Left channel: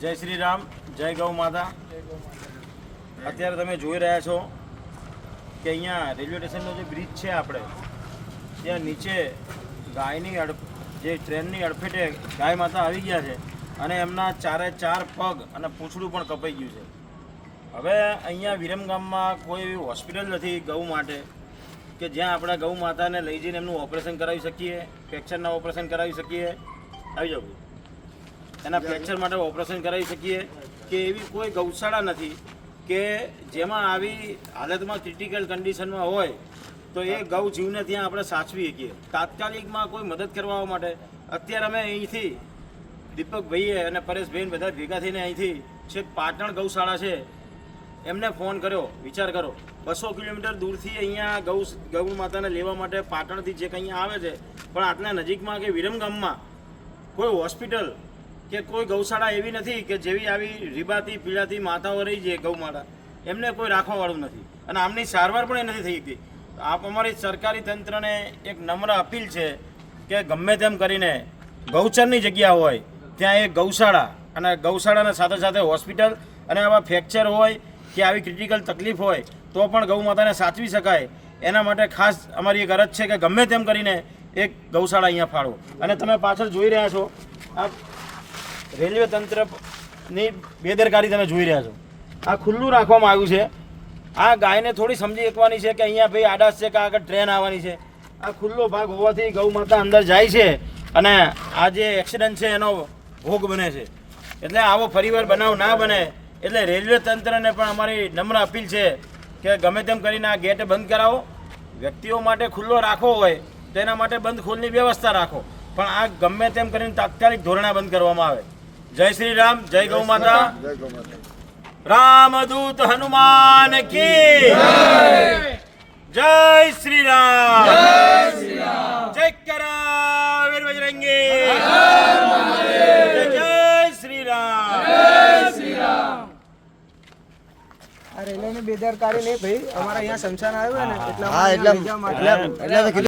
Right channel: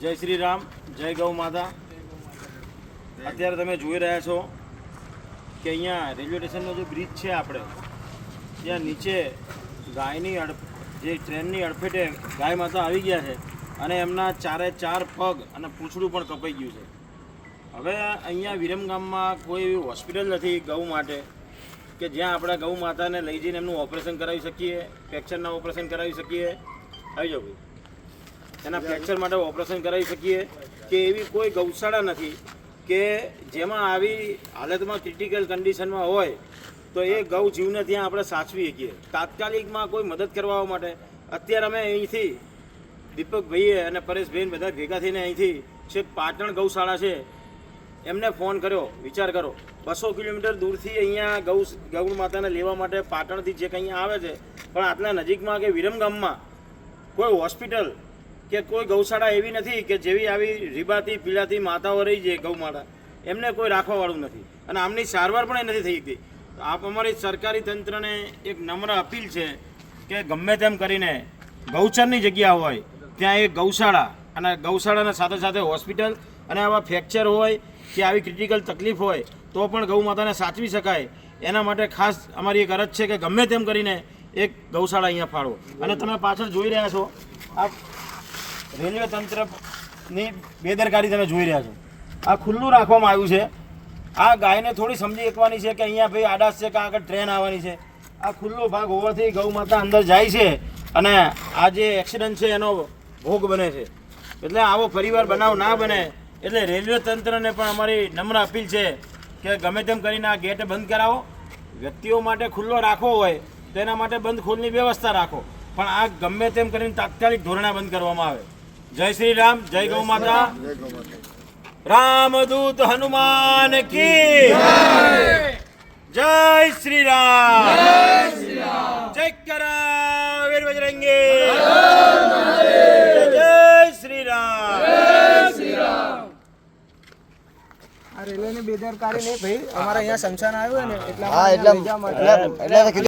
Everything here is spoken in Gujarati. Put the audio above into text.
જય શ્રી રામ, જય ગૌ માતા। અત્યારે તમે જોઈ રહ્યા છો કે અહીંયા રેલવે સ્ટેશનનો જે બ્રિજ છે આપણે ત્યાં નીચે ગાયની જે ટ્રેનની અડફેટે ગાય માતા આવી ગયા છે અને એમના ચારે ચાર પગ અને પૂંછડું પણ કપાઈ ગયું છે। હવે અહીંયા વિરમગામમાં કોઈ એવી હોસ્પિટલ નથી ગૌ માટે કે જ્યાં આપણે ગૌ માતાને લઈ જઈને એમનું ઓપરેશન કરાવી શકીએ, ફ્રેક્ચરના ઓપરેશન કરાવી શકીએ। આવી જાઓ ભાઈ, એના ફ્રેક્ચર માટે ઓપરેશન કરાવી શકીએ કે એવી કોઈ ગૌશાળા નથી કે જેમાં આવી હાલતમાં ક્રિટિકલ કન્ડિશનમાં હોય તો એ ગૌ જીવને ત્યાં આપણે સાચવી શકીએ। તાત્કાલિકમાં કોઈ મદદ કરવા માટે અત્યારે અમે અહીંથી દીપકભાઈએ અને પરેશભાઈ બધા ભેગા થઈને અહીંથી છેક પાટણ ગૌશાળા છે એમને ફોન કર્યો। વિચાર કરો, 200 કિલોમીટર દૂરથી અહીંયા ગૌ માતાને લેવા માટે પાટણથી જે કંઈ આવે છે, પણ આટલા નજીકમાં કે વિરમગામમાં કોઈ હોસ્પિટલ કે કોઈ ગૌશાળા એવી નથી કે જેવી આવી રીબાતી પીળાતી માતાઓ રહી છે ગૌ માતા, એમને કોઈ રાખવાવાળું નથી અને આમની સારવાર પણ એ નથી થઈ શકતી। આપ અમારી સરકારી તંત્રને એક નમ્ર અપીલ છે કે ગમે તેમ કરીને ગૌચરની જગ્યા હોય ત્યાં એક ગૌશાળા અને ગૌશાળાના સાથે સાથે હોસ્પિટલ અને આવા ફ્રેક્ચર હોય કે આવી ક્રિટિકલ તકલીફ હોય તો પણ ગૌ માતાને સાચવી શકાય, એના માટે ખાસ અમારી એક અરજ છે કે ગમે તેમ કરીને એક ગૌશાળા અહીંયા ફાળવો। અને તમે પાછળ જોઈ રહ્યા છો આ રેલવે તંત્રની બેદરકારી તમે જોઈ રહ્યા છો। આ ખુલ્લું રાખવામાં આવ્યું છે। આ ગાયને થોડી સમજી શકવાની છે કે અહીંયા ભાઈ આડાશ છે કે આગળ ટ્રેન આવવાની છે। આ ખુલ્લો ભાગ હોવાથી ગૌ માતા અંદર જાય છે અને આ જે એક્સિડન્ટ છે એનો ભોગ બને છે। એટલે આવો ફરીવાર બનાવ ના બને એટલે રેલવે તંત્રને પણ અમારી નમ્ર અપીલ છે કે ગમે તેમ કરીને આ ગેટ બંધ કરાવો। વ્યક્તિઓ માટે ખુલ્લો રાખવો હોય તો એના માટે બંધ ખોલની વ્યવસ્થા રાખો, પણ આ ગમે તેમ કરીને તાત્કાલિક ધોરણે બંધ કરવામાં આવે। જય શ્રી રામ, જય ગૌ માતા। રામદૂત હનુમાન કી જય શ્રી રામ, જય કરા વીર બજરંગી, જય શ્રી રામ। આ રેલવેની બેદરકારી નહીં ભાઈ, અમારા અહીંયા શમશાન આવ્યું ને એટલે